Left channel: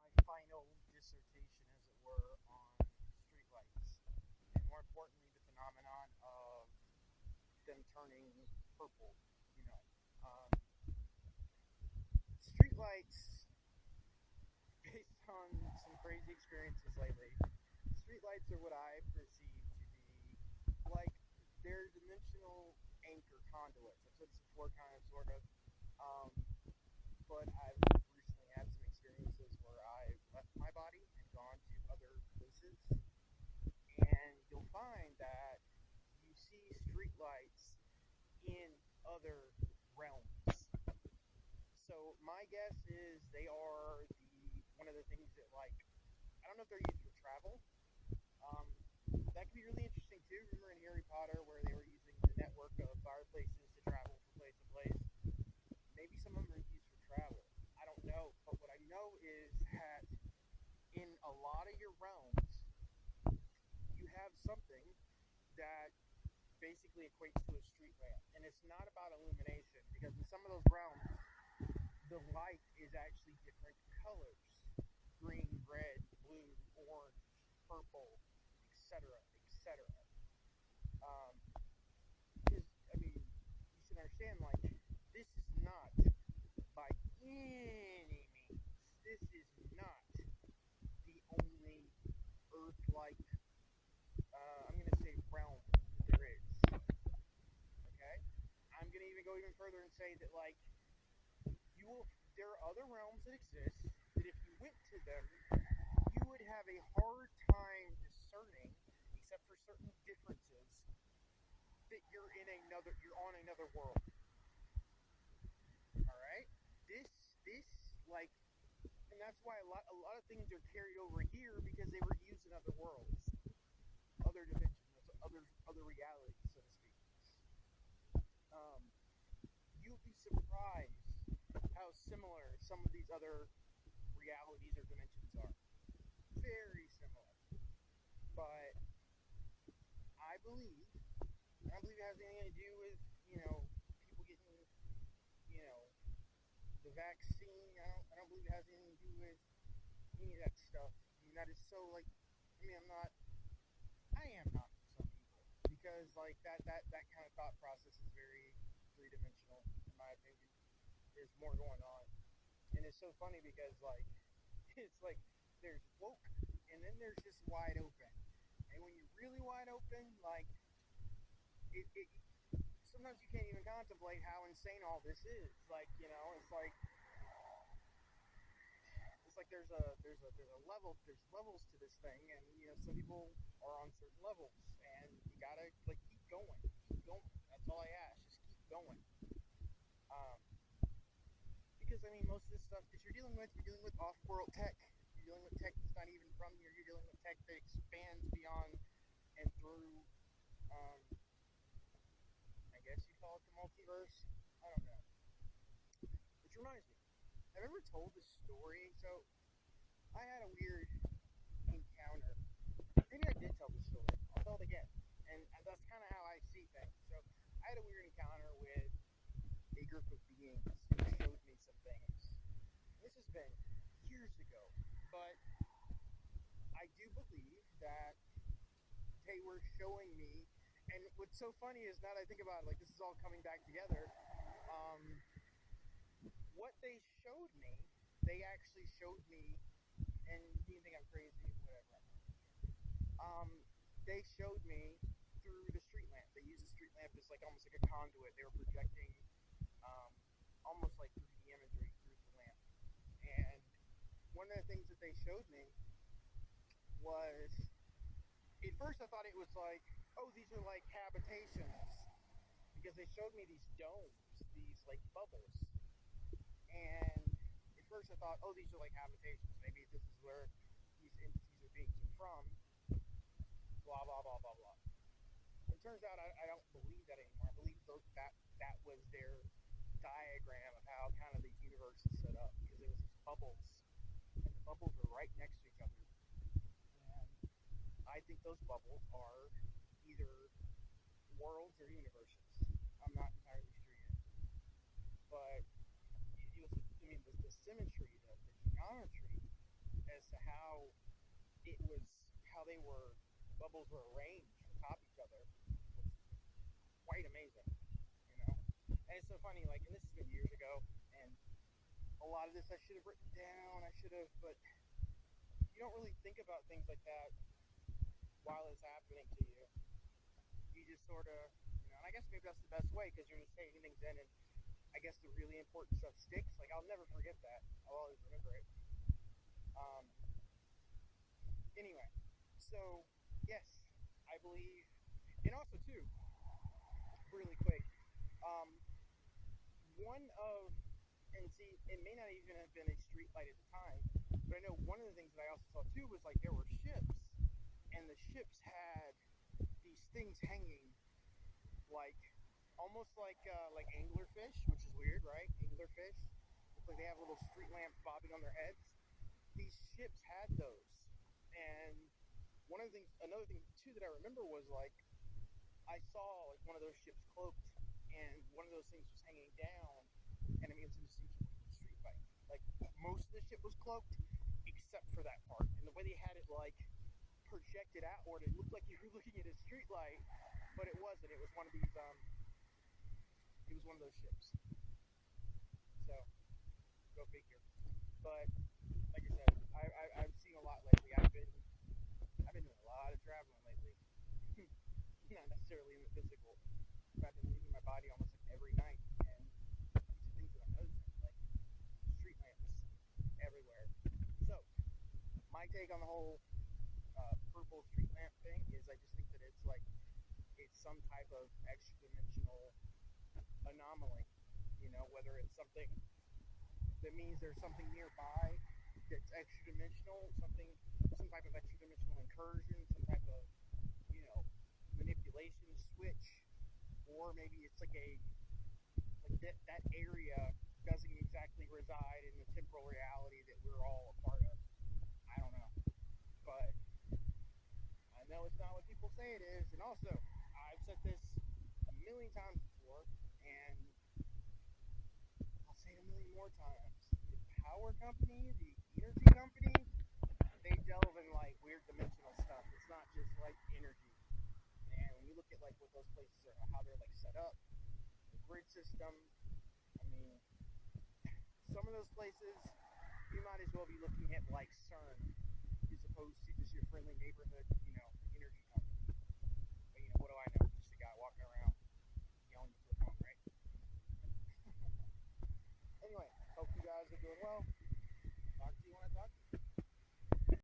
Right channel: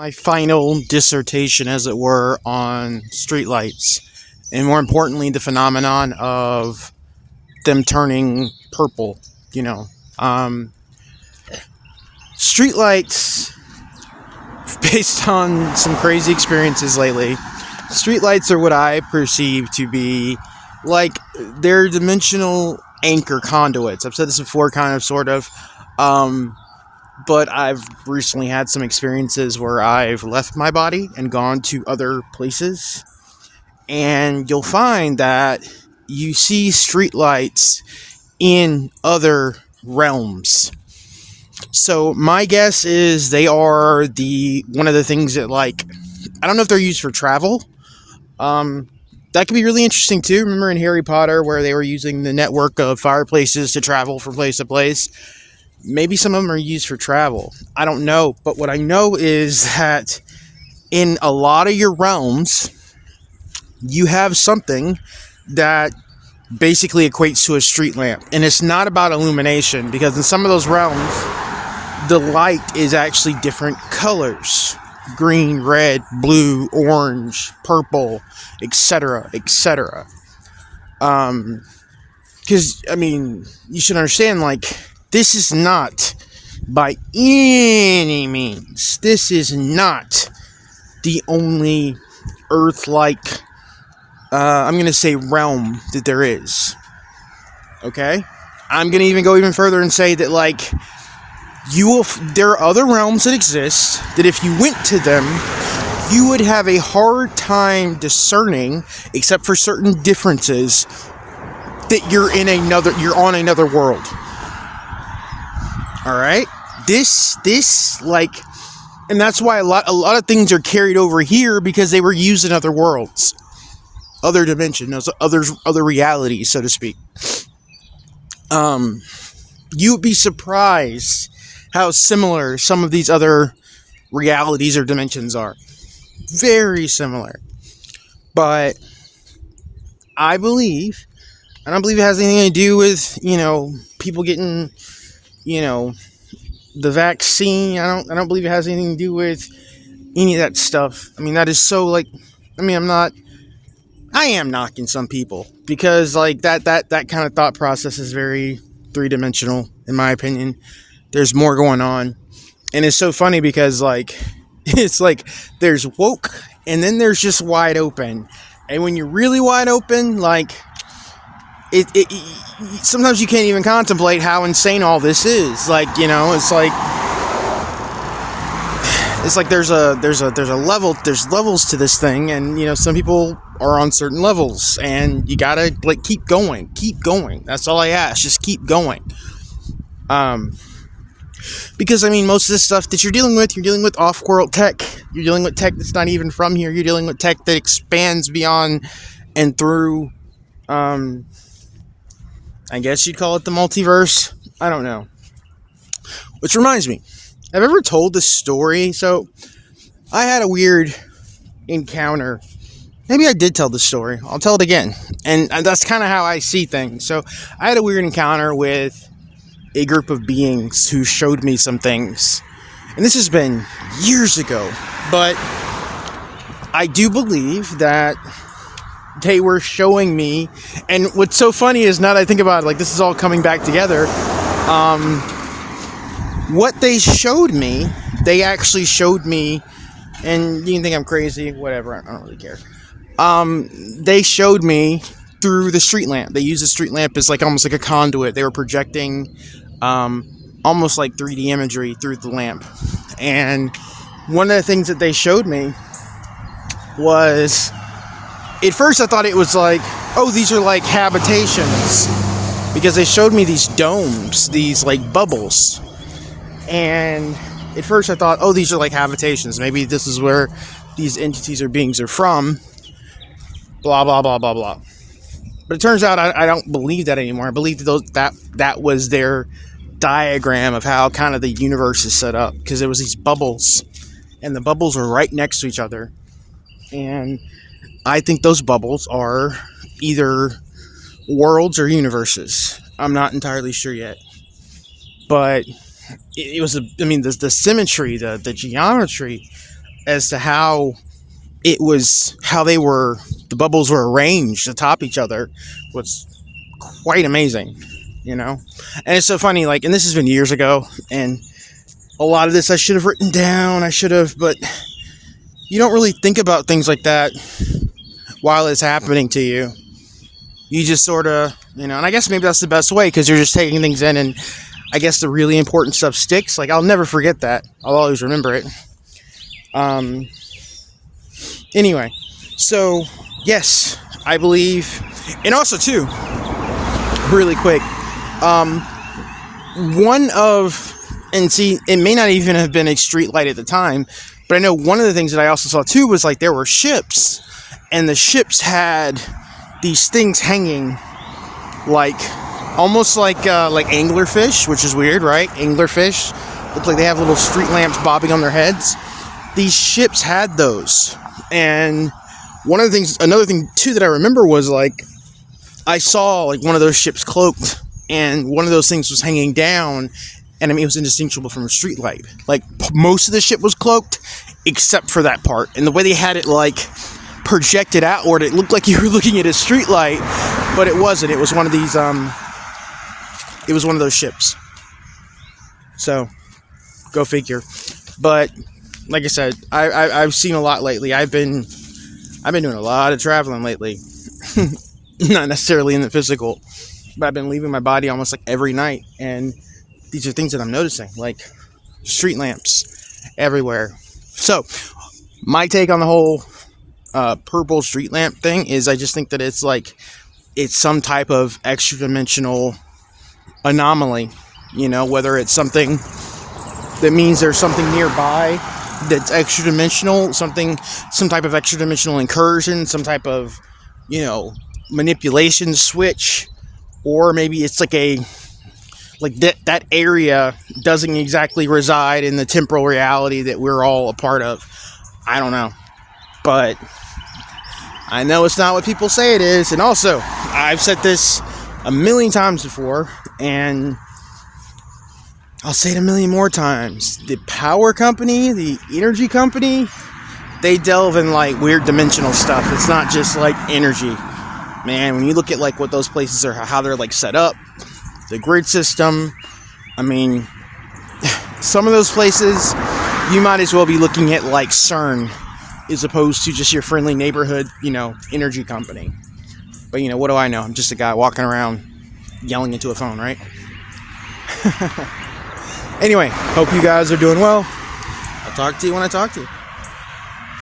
my final dissertation, as it were, on streetlights, and more importantly, the phenomenon of them turning purple. You know, um, streetlights, based on some crazy experiences lately, streetlights are what I perceive to be like they're dimensional anchor conduits. I've said this before, kind of, sort of. Um, but I've recently had some experiences where I've left my body and gone to other places, and you'll find that you see streetlights in other realms. So my guess is they are the one of the things that, like, I don't know if they're used for travel. Um, that could be really interesting too. Remember in Harry Potter where they were using the network of fireplaces to travel from place to place? Maybe some of them are used for travel. I don't know. But what I know is that in a lot of your realms, you have something that basically equates to a street lamp. And it's not about illumination, because in some of those realms, the light is actually different colors: green, red, blue, orange, purple, etc., etc. Because, I mean, you should understand, like, this is not, by any means, this is not the only Earth-like, I'm going to say, realm that there is. Okay? I'm going to even go even further and say that, like, there are other realms that exist that if you went to them, you would have a hard time discerning, except for certain differences, that you're on another world. All right? This, like, and that's why a lot of things are carried over here, because they were used in other worlds, other dimensions, other realities, so to speak. You would be surprised how similar some of these other realities or dimensions are. Very similar. But I don't believe it has anything to do with, people getting, the vaccine. I don't believe it has anything to do with any of that stuff. I mean, that is so, like, I am knocking some people, because, like, that kind of thought process is very three-dimensional, in my opinion. There's more going on. And it's so funny because, like, it's like there's woke and then there's just wide open. And when you're really wide open, like, it sometimes you can't even contemplate how insane all this is. Like, it's like there's levels to this thing, and some people are on certain levels, and you gotta, like, keep going. That's all I ask. Just keep going. Because, I mean, most of this stuff that you're dealing with off-world tech. You're dealing with tech that's not even from here. You're dealing with tech that expands beyond and through, I guess you'd call it the multiverse. I don't know. Which reminds me, I've ever told this story. So, I had a weird encounter. Maybe I did tell the story. I'll tell it again. And that's kind of how I see things. So, I had a weird encounter with a group of beings who showed me some things. And this has been years ago. But I do believe that they were showing me. And what's so funny is, now that I think about it, like, this is all coming back together. What they showed me, they actually showed me, and you can think I'm crazy, whatever, I don't really care. They showed me through the street lamp. They used the street lamp as, like, almost like a conduit. They were projecting almost like 3D imagery through the lamp. And one of the things that they showed me was, at first I thought it was like, oh, these are like habitations, because they showed me these domes, these, like, bubbles. And at first I thought, oh, these are like habitations. Maybe this is where these entities or beings are from. Blah, blah, blah, blah, blah. But it turns out I don't believe that anymore. I believe that was their diagram of how kind of the universe is set up. Because there was these bubbles. And the bubbles were right next to each other. And I think those bubbles are either worlds or universes. I'm not entirely sure yet. But it was, the symmetry, the geometry as to how the bubbles were arranged atop each other was quite amazing, you know? And it's so funny, like, and this has been years ago, and a lot of this I should have written down, but you don't really think about things like that while it's happening to you. You just sort of, and I guess maybe that's the best way, because you're just taking things in, and I guess the really important stuff sticks. Like, I'll never forget that. I'll always remember it. Anyway, so, yes, I believe, and also, too, really quick, it may not even have been a street light at the time, but I know one of the things that I also saw, too, was, like, there were ships, and the ships had these things hanging, like, almost like anglerfish, which is weird, right? Anglerfish look like they have little street lamps bobbing on their heads. These ships had those, and another thing too that I remember was, like, I saw, like, one of those ships cloaked, and one of those things was hanging down, and I mean, it was indistinguishable from a street light. Like, most of the ship was cloaked except for that part, and the way they had it, like, projected outward, it looked like you were looking at a street light, but it wasn't. It was one of these it was one of those ships. So, go figure. But like I said, I've seen a lot lately. I've been doing a lot of traveling lately. Not necessarily in the physical, but I've been leaving my body almost like every night, and these are things that I'm noticing, like street lamps everywhere. So, my take on the whole purple street lamp thing is, I just think that it's some type of extra dimensional anomaly, whether it's something that means there's something nearby that's extra dimensional, some type of extra dimensional incursion, some type of, manipulation switch, or maybe it's that area doesn't exactly reside in the temporal reality that we're all a part of. I don't know, but I know it's not what people say it is. And also, I've said this a million times before, and I'll say it a million more times. The power company, the energy company, they delve in, like, weird dimensional stuff. It's not just, like, energy. Man, when you look at, like, what those places are, how they're, like, set up, the grid system, I mean, some of those places, you might as well be looking at, like, CERN, as opposed to just your friendly neighborhood, energy company. But, what do I know? I'm just a guy walking around yelling into a phone, right? Anyway, hope you guys are doing well. I'll talk to you when I talk to you.